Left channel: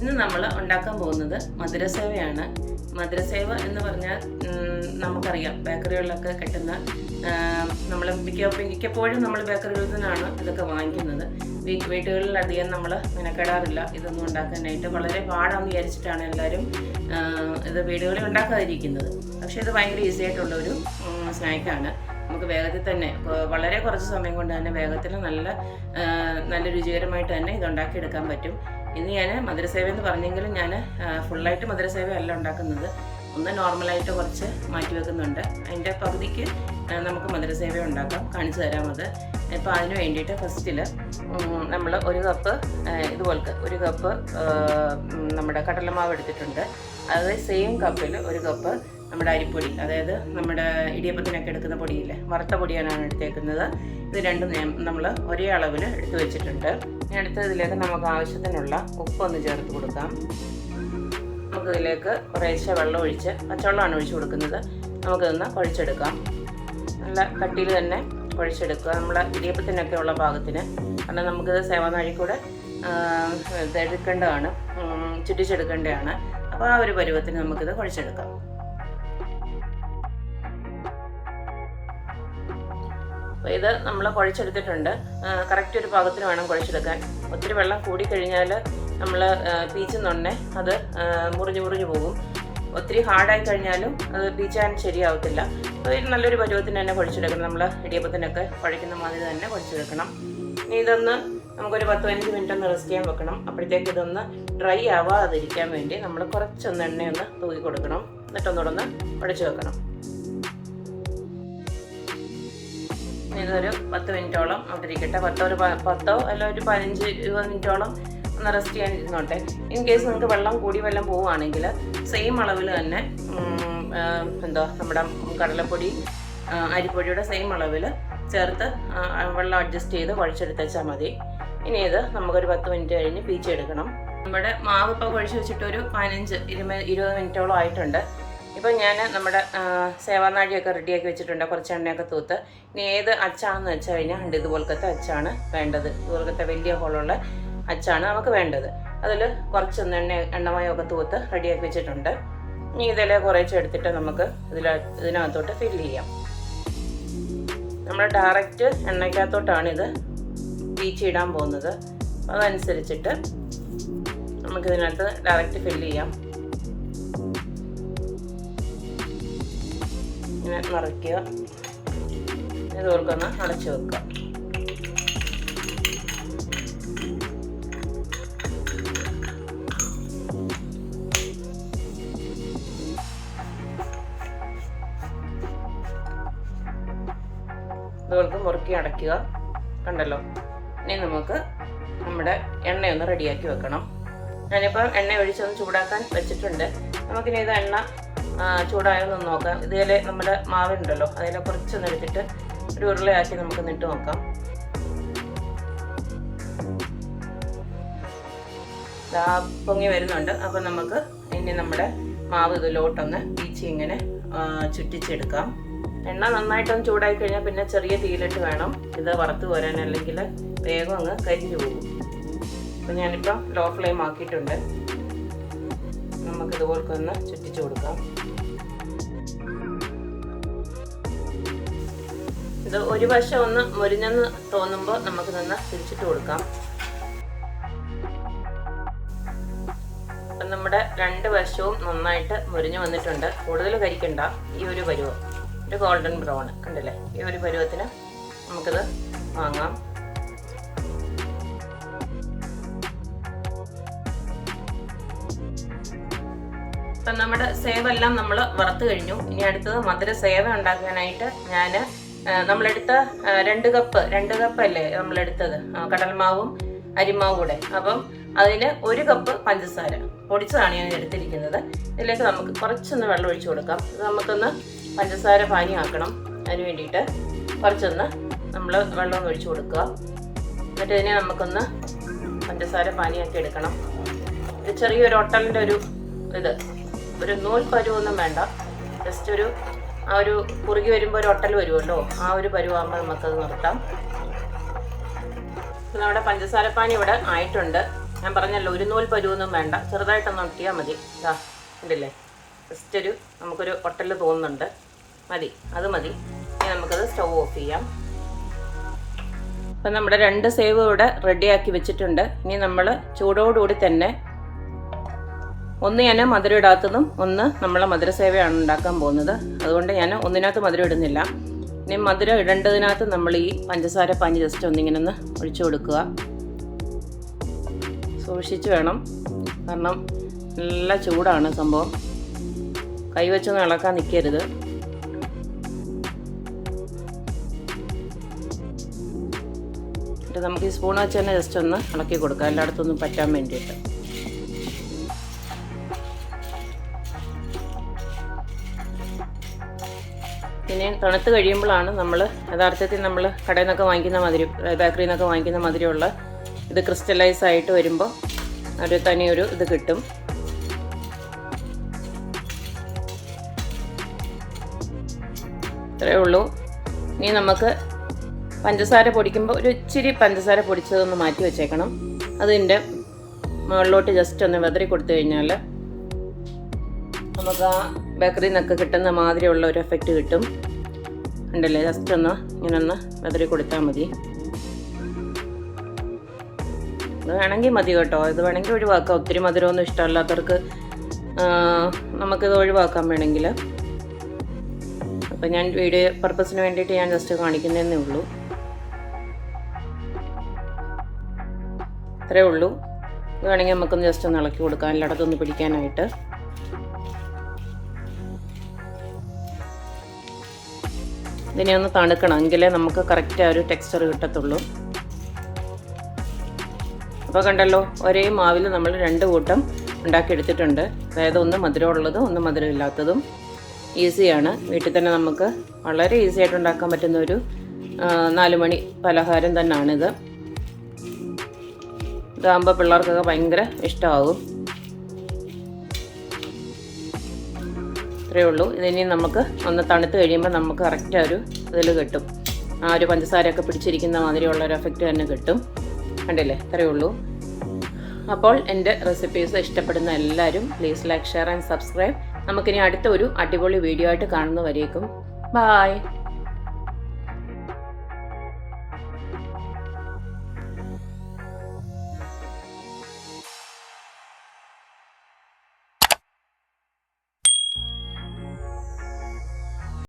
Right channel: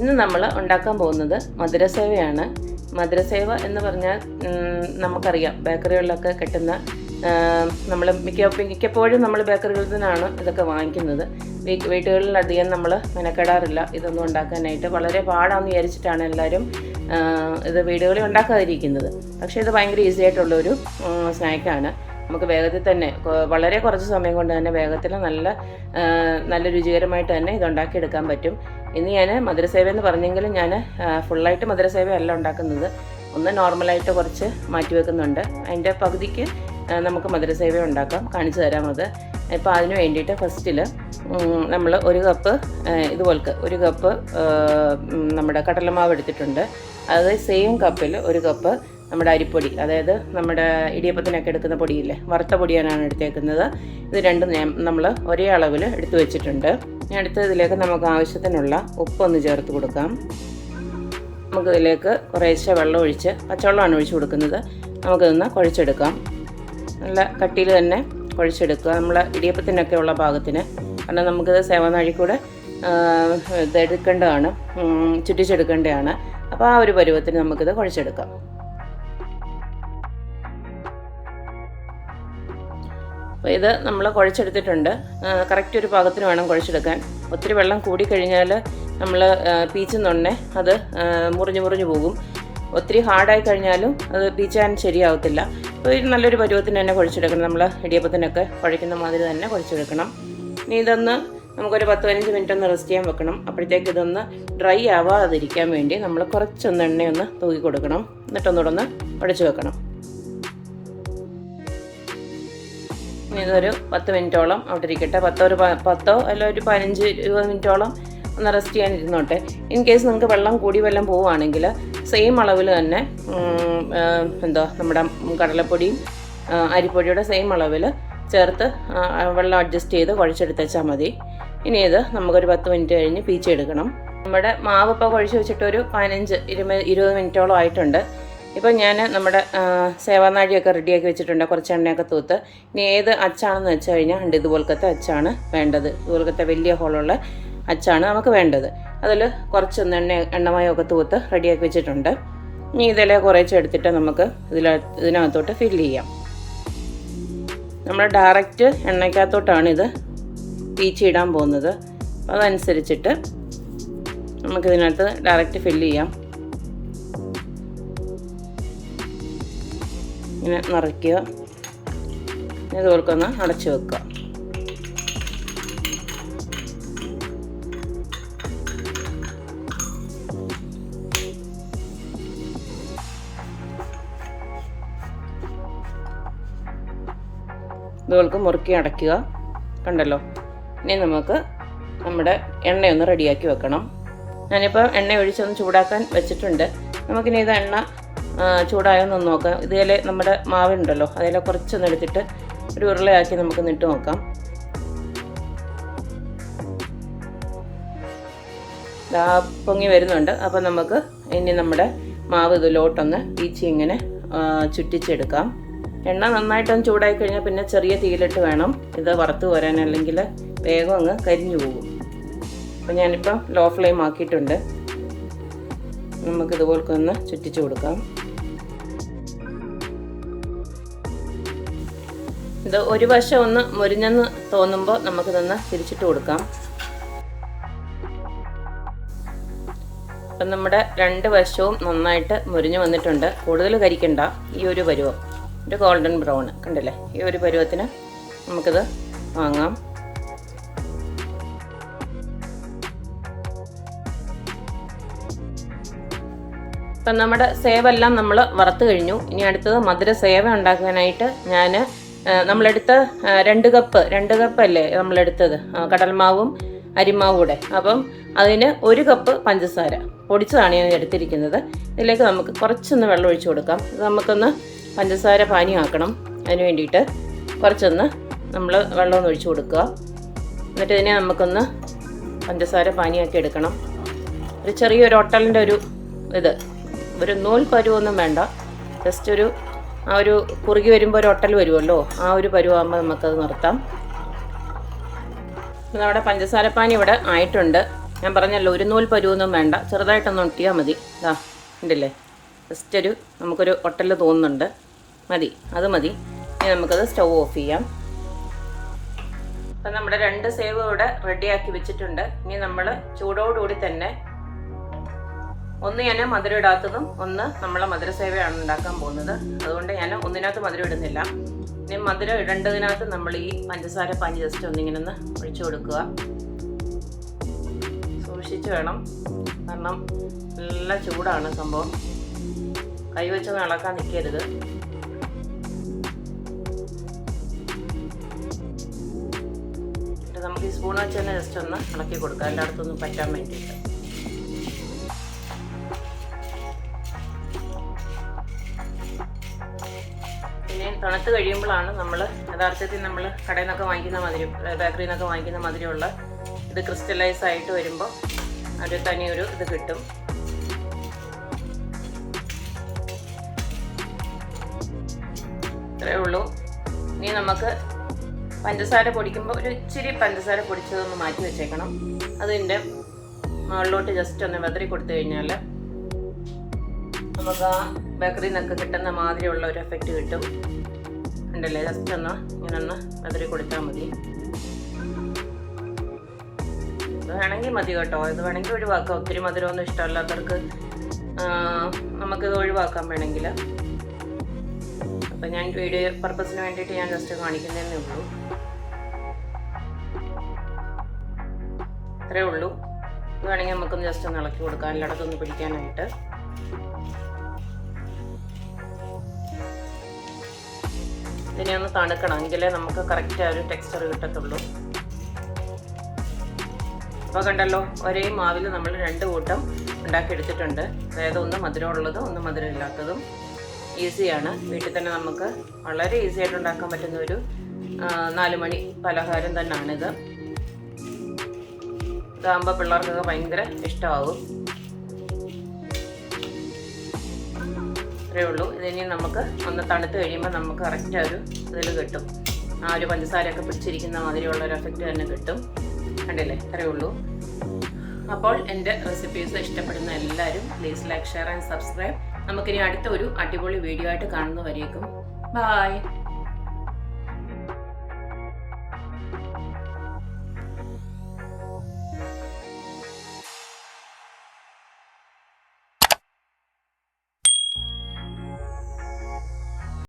ഇന്ന് നമ്മൾ ഉണ്ടാക്കാൻ പോകുന്നത് മധുരസേവയാണ്. മധുരസേവ എന്ന് പറഞ്ഞാൽ നമുക്കറിയാം, ബേക്കറികളിലൊക്കെ കിട്ടുന്ന, നമ്മൾ മിക്കപ്പോഴും നമ്മൾ ബേക്കറികളിൽ നിന്നാണ് ഇതൊക്കെ വാങ്ങിക്കുന്നത്. വീടുകളിലധികം നമ്മൾ മെനക്കെടാറില്ല ഇതൊന്നും ഉണ്ടാക്കാനായിട്ട്. വളരെ പാടാണെന്ന് വിചാരിച്ചിട്ടാണ് എല്ലാവരും ഇത് വീടുകളിൽ ഉണ്ടാക്കാതിരിക്കുന്നത്. പക്ഷേ ഇത് ഭയങ്കര ഈസി ആയിട്ടുള്ളൊരു സ്നാക്കാണ്. നമുക്ക് വേഗത്തിൽ തന്നെ, വളരെ കുറച്ച് സമയം കൊണ്ട് തന്നെ വേഗത്തിൽ നല്ല രുചികരമായിട്ട് തന്നെ ഇത് ഉണ്ടാക്കിയെടുക്കാൻ പറ്റും. ഇന്ന് ഞാൻ മധുരസേവ എന്ന് പറഞ്ഞെങ്കിലും ഞാൻ ഫുള്ളായിട്ട് മധുരസേവ അല്ല ഉണ്ടാക്കുന്നത്. ഒന്ന് നോർമലായിട്ട് കുറച്ച് മാറ്റി വെക്കുന്നുണ്ട്. അതിൻ്റെ പകുതിക്ക് നമുക്ക് മധുരസേവ ഉണ്ടാക്കാം, കാണിച്ചു തരാം അത്. ഇപ്പോൾ അതിന് വേണ്ടിയിട്ട് ഫസ്റ്റിൽ നമ്മൾ ഒരു കപ്പ് നമ്മുടെ കടലമാവ് എടുത്തിട്ടുണ്ട്. അത് സെയിം കപ്പിൽ ഒരു കപ്പ് നമ്മുടെ അരിപ്പൊടി, അതായത് നമ്മുടെ ഇടിയപ്പത്തിനൊക്കെ എടുക്കുന്ന പൊടിയില്ലേ, വറുത്ത പൊടിയാണ് എടുത്തേക്കുന്നത്. ഇത് രണ്ടും നമ്മൾ ഒരേ അളവിൽ എടുത്തു വെച്ചിട്ടുണ്ട്. ഇതിലേക്ക് നമുക്ക് ആവശ്യത്തിനുള്ള ഉപ്പൊന്ന് ചേർത്ത് കൊടുക്കാം. നമുക്കിതിലേക്ക് കുറേശ്ശെ വെള്ളം ഒഴിച്ച്, പച്ചവെള്ളമാണ് ഒഴിച്ച് കൊടുക്കുന്നത്. നമുക്കിതൊന്ന് കുഴച്ചെടുക്കാം. നല്ല കട്ടിയിൽ തന്നെ കുഴച്ചെടുക്കുക, നമ്മളെ ഇടിയപ്പത്തിനൊക്കെ ഉള്ള പാകത്തിന്. കാരണം നമുക്കിത് സേവനാഴി കൂടെ ഇതെടുക്കേണ്ടതാണ്, ചുറ്റിച്ചെടുക്കേണ്ടതാണ്. അപ്പോൾ ആ ഒരു പരുവത്തിന് നമുക്കിത് കുഴച്ചെടുക്കാം. അപ്പോൾ ഇത് നമ്മൾ കുഴച്ചെടുത്തിട്ടുണ്ട്. കറക്റ്റ് ഒരു പാകത്തിന് വേണം കുഴച്ചെടുക്കാൻ. ഒത്തിരി വെള്ളം കൂടിക്കഴിഞ്ഞാൽ നമ്മൾ പീച്ചുന്നുണ്ടേ അത് മുറിഞ്ഞു പോകും. ഒത്തിരി ഹാർഡായി കഴിഞ്ഞാലും അത് പീച്ചാൻ ശരിയാവത്തില്ല. അപ്പോൾ ഇത് നല്ലൊരു പരുവത്തിന് തന്നെ കുഴച്ചെടുക്കണം. നമ്മൾ ഇടിയപ്പത്തിനൊക്കെ കുഴയ്ക്കുന്ന മാതിരി തന്നെ കുഴച്ചെടുക്കണം. ഇനി ഇതൊന്ന് നമുക്കൊരു 10-15 മിനിറ്റ് ഒന്ന് റെസ്റ്റ് ചെയ്യാൻ വെക്കണം. അപ്പോഴത്തേക്ക് ഇതൊന്ന് ഡ്രൈ ആവാതിരിക്കാൻ വേണ്ടി നമ്മൾ കുറച്ചൊന്ന് എണ്ണയൊന്ന് തൂക്കി കൊടുക്കണം. എന്നിട്ടൊന്നുകൂടെ ഒന്ന് ഉടച്ച് വെക്കണം. ഇതൊരു 10 മിനിറ്റോളം അവിടെ ഇരിക്കട്ടെ. 10 അല്ല ഒരു 15-20 മിനിറ്റോളം ഒന്ന് റെസ്റ്റ് ചെയ്യാൻ ഇരുന്നോട്ടെ. ഇൻ കേസ് നമുക്ക് വെള്ളം കൂടി വല്ലതും പോവുകയാണെങ്കിൽ സെയിം അളവിൽ തന്നെ നമ്മുടെ കടലപ്പൊടിയും അരിപ്പൊടിയുടെ സെയിം അളവിൽ ചേർത്ത് വെള്ളം അഡ്ജസ്റ്റ് ചെയ്ത് കുഴച്ചെടുത്തേച്ചാൽ മതി. ഇനി ഇത് നമുക്കൊരു 10 മിനിറ്റ് കഴിഞ്ഞ് പീച്ചെടുക്കണം. നമ്മുടെ മാവ് ഇപ്പോൾ കുഴച്ച് വെച്ചിട്ടൊരു 15-20 മിനിറ്റോളം ആയിട്ടുണ്ട്. ഇപ്പം ഞാൻ നമ്മുടെ സേവനാഴിയൊക്കെ റെഡിയാക്കി വെച്ചിട്ടുണ്ട്, കുറച്ച് എണ്ണയൊക്കെ തൂത്ത്. ഇനി ഏത് അച്ചാണെന്ന് വെച്ച് കഴിഞ്ഞാൽ ഇതുപോലത്തെ അച്ചാണ് വേണ്ടത്. ഇതുപോലത്തെ വലിയ ഹോളുള്ള അച്ചാണ് നമുക്ക് വേണ്ടത്. അതിൽ കുറച്ചൊന്ന് എണ്ണമയമൊക്കെ തൂത്ത് റെഡിയാക്കി വെച്ചിട്ടുണ്ട്. ഇനി ഇതിലെ കുറച്ച് എടുത്തിട്ട് നമുക്ക് ഇതിനകത്തോട്ട് ഫില്ല് ചെയ്യാം. നമ്മൾ ഡയറക്റ്റ് എണ്ണയ്ക്കകത്തോട്ടാണ് ഇത് പീച്ചിടാൻ പോകുന്നത്. അതനുസരിച്ചിട്ട് നമുക്കിതിനകത്ത് ഡയറക്റ്റ് ഫില്ല് ചെയ്യാം. ഇങ്ങനെ നിറയ്ക്കുക. ഇതുപോലൊന്ന് അടച്ചു വെക്കുക. ഇതുപോലൊക്കെ മുറുക്കി അടയ്ക്കുക. കണ്ടല്ലോ. ഇനി നമുക്ക് നമ്മുടെ എണ്ണയൊന്ന് റെഡിയാക്കി വെക്കണം. ഞാനിപ്പോൾ എണ്ണ ഒഴിച്ചൊന്ന് ചൂടാക്കാൻ വെച്ചിട്ടുണ്ട്. നമുക്കിനി ഇത് എണ്ണ ചൂടായെന്നൊന്ന് നോക്കാം. ഇതിൽ നമ്മുടെ മാവുണ്ടല്ലോ, അതിൽ കുറച്ചൊന്ന് എടുത്തിട്ട് ഒരു ഉരുളയാക്കി നമുക്ക് ഇട്ട് നോക്കാം. പൊങ്ങി വരുന്നുണ്ട്. അപ്പോൾ നമുക്ക് ഇനി നമ്മുടെ മാവ് ഇതിലോട്ടൊന്ന് പീച്ചി ഇങ്ങനെ ചുറ്റിച്ചെടുക്കാം. എണ്ണ നന്നായിട്ടൊന്ന് ചൂടായി കഴിഞ്ഞാൽ പിന്നെ ചെറിയ തീയിലിട്ട് വേണം ഇത് വറുത്ത് വരാൻ, അല്ലെങ്കിൽ വേഗം അങ്ങ് കരിഞ്ഞു പോകും. അപ്പോൾ ഞാനിപ്പോൾ ലോ ഫ്ലെയിം ആക്കിയിട്ടുണ്ട്. നമുക്കിതുപോലൊക്കെ ഒന്ന് ചുറ്റിച്ച് കൊടുക്കാം. ഇത് ഒരു വശം ഒന്ന് മുരിഞ്ഞെന്ന് തോന്നുമ്പോൾ നമുക്കിതൊന്ന് തിരിച്ചിട്ട് കൊടുക്കാം. അപ്പം നമ്മുടെ 2 വശവും നന്നായിട്ട് മുരിഞ്ഞു വന്നിട്ടുണ്ട്. കൂടുതൽ കരിക്കണ്ട. ഈ ഒരു പരുവം, ഒരു ഗോൾഡൻ ബ്രൗൺ കണ്ടല്ലേ, ഈ ഒരു പരുവത്തിന് നമുക്കിത് വാങ്ങാം. അപ്പം നമ്മുടെ സേവെല്ലാം നമ്മൾ വറുത്ത് കഴിഞ്ഞു. ഇനി അടുത്തത് മധുര സേവ ഉണ്ടാക്കാനായിട്ട് നമ്മളെടുത്ത 2 കപ്പ് അല്ലേ നമ്മളെടുത്തത്, കടൽമാവും അരിമാവും കൂടെ. അപ്പം അതിന് 1 കപ്പ് പഞ്ചസാര പൊടിച്ചതാണ് ഞാൻ എടുത്തിരിക്കുന്നത്. ഇതിലേക്ക് നമുക്ക് കുറച്ചൊന്ന് വെള്ളം ഒഴിച്ച് കൊടുക്കാം. ഇത് നമുക്കൊന്ന് പഞ്ചസാര പാനിയാക്കണം. അതിന് വേണ്ടിയിട്ട് കുറച്ചൊന്ന് നമ്മൾ വെള്ളം ഒഴിച്ച് കൊടുക്കുക. എന്നിട്ട് ഇതിനെ നമുക്കൊന്ന് പഞ്ചസാര പാനിയാക്കി എടുക്കണം. ഒരു ചെറിയൊരു ഒട്ടലിൻ്റെ ഒരു നൂൽ പരുവൊന്നും വേണ്ട. ജസ്റ്റ് ആ ഒരു കുറുകി വരുമ്പോൾ ഒരു ഒട്ടൽ വരുമല്ലോ, ആ ഒരു പരുവാകുമ്പോൾ നമുക്കത് നിർത്താം. നമ്മുടെ പഞ്ചസാരപ്പാനി ഇവിടെ ആയിട്ടുണ്ട്. ഞാൻ പറഞ്ഞല്ലോ ഒരു നൂൽ പരുവൊന്നും വേണ്ട, ചെറുതായിട്ടൊന്ന് ഒട്ടിയാൽ മതി. ഇതാ ഉണ്ടല്ലേ, ജസ്റ്റ് നമുക്കൊരു ഒട്ടൽ തോന്നുന്നുണ്ട്, മതി, അത് മതി. ഇനി നമുക്കത് സ്റ്റൗ ഓഫ് ചെയ്യാം. അപ്പം നമ്മുടെ 2 സേവ് ഇവിടെ റെഡിയാക്കി വെച്ചിട്ടുണ്ട്. ഇനി നമ്മൾ ചൂടോടുകൂടി തന്നെ ഒന്ന് ഞാൻ മധുരം ഇടാത്തതും ഒന്ന് നമ്മൾ മധുര സേവയാണ് ഉണ്ടാക്കാൻ പോകുന്നത്. അതുകൊണ്ട് ഞാൻ ഒന്നിനകത്ത് മധുരം ഇടുന്നില്ല. ഇനി മധുരം ഇടേണ്ടതിനകത്ത് നമ്മൾ ഈ പഞ്ചസാര പാനി ജസ്റ്റ് ഒന്നിങ്ങനെ ഒന്ന് ഒഴിച്ചു കൊടുക്കുക. സൂക്ഷിച്ച് വേണം, കാരണം നല്ല ചൂടാണ് സംഭവം. കൈവച്ചൊന്നും ഇളക്കാൻ നിൽക്കരുത്. നമുക്ക് ഈ സ്പൂൺ വെച്ച് തന്നെ ജസ്റ്റ് ഒന്ന് ഇളക്കി കൊടുക്കാം, എല്ലായിടത്തൊന്നും പറ്റാൻ വേണ്ടിയിട്ട്. പിന്നെ തണുത്ത് കഴിയുമ്പോഴാണ് നമ്മൾ യഥാർത്ഥത്തിൽ നമ്മൾ കടയിൽ നിന്നൊക്കെ വാങ്ങിക്കുന്ന മധുരം, ബേക്കറിയിൽ നിന്നൊക്കെ വാങ്ങിക്കുന്ന മധുരമുള്ള ഇത് ക്രിസ്റ്റലൈസ് ആയിട്ട് വരുമ്പോൾ ഒരു തനിയൊരു ഇത് കിട്ടും. ഇത്രയേ ഉള്ളൂ. ഇനി നമുക്ക് പഞ്ചസാര പൊടിക്കുമ്പോൾ ഒരു ഇച്ചിരി പഞ്ചസാര പൊടിച്ചതൊന്ന് മാറ്റി വെച്ചേക്കണം. അതിൻ്റെ മുകളിലോട്ട് ജസ്റ്റ് ഒന്ന് വെതറി കൊടുത്തു കഴിഞ്ഞാൽ നമുക്ക് ആ ബേക്കറിയിൽ നിന്നൊക്കെ കിട്ടുന്ന മാതിരിയുള്ള ഒരു എഫക്റ്റ് കിട്ടും. ഉണ്ടല്ലേ, ജസ്റ്റ് ഒന്ന് ഇങ്ങനെ ഒന്ന് വെതറി കൊടുത്താൽ മതി. അത് വേണമെങ്കിൽ മതി കേട്ടോ, ഇത് വേണമെങ്കിൽ ഒഴിവാക്കാം. ഒത്തിരി മധുരമൊന്നും ഇഷ്ടമല്ലാത്തവർക്ക് നമുക്കിത് ഒഴിവാക്കാൻ വേണമെങ്കിൽ. അപ്പം ഞാൻ വീഡിയോ പർപ്പസിന് വേണ്ടിയിട്ട് ഞാൻ ജസ്റ്റ് കാണിക്കുന്നതേ ഉള്ളൂ. അത്രേ ഉള്ളൂ. ഇത് വേണമെങ്കിൽ നമുക്കൊന്ന് ജസ്റ്റ് ഒന്ന് ഇളക്കി കൊടുക്കാം, എല്ലായിടത്തൊന്ന് പിടിക്കാനായിട്ട്. ഇതിനെ ഒന്ന് തണുക്കണം, എങ്കിലേ നമുക്ക് കറക്റ്റ് ആ ഒരു ടെക്സ്ചർ കിട്ടത്തുള്ളൂ. അപ്പോൾ കണ്ടല്ലോ, ഒരേ മാവിൽ നമ്മൾ 2 കൂട്ടം ഉണ്ടാക്കിയെടുത്തിട്ടുണ്ട്. അതായത് ഒന്ന് മധുരമുള്ളതും ഒന്ന് മധുരം ഇല്ലാത്തതും. ഈസിയാണ്, വീട്ടിൽ തന്നെ നമുക്ക് വളരെ ഈസി ആയിട്ട് ഉണ്ടാക്കാൻ പറ്റുന്ന ഒരു 4 മണി പലഹാരം തന്നെയാണിത്. ഇതാകുമ്പോൾ പിള്ളേർക്കൊക്കെ ഭയങ്കര ഇഷ്ടമാകും. ഇത്രയേ ഉള്ളൂ. ഇതിനി നമുക്ക് ഒന്ന് തണുത്ത് കഴിയുമ്പോൾ നമുക്ക് കറക്റ്റ് ഒരു ഇതിൽ കിട്ടും. ആ ഒരു പഞ്ചസാരയൊക്കെ പിടിച്ചിരിക്കുന്ന മാതിരിയുള്ളൊരു എഫക്റ്റ് തന്നെ കിട്ടും. കണ്ടില്ലേ, ഇത്രയേ ഉള്ളൂ. അപ്പോൾ എൻ്റെ റെസിപ്പീസ് ഇഷ്ടപ്പെടുന്ന എല്ലാവരും please like, share and subscribe. നമുക്കിനി അടുത്ത ഒരു അടിപൊളി വീഡിയോ ആയിട്ട് കാണുന്നവരേക്കും ബൈ.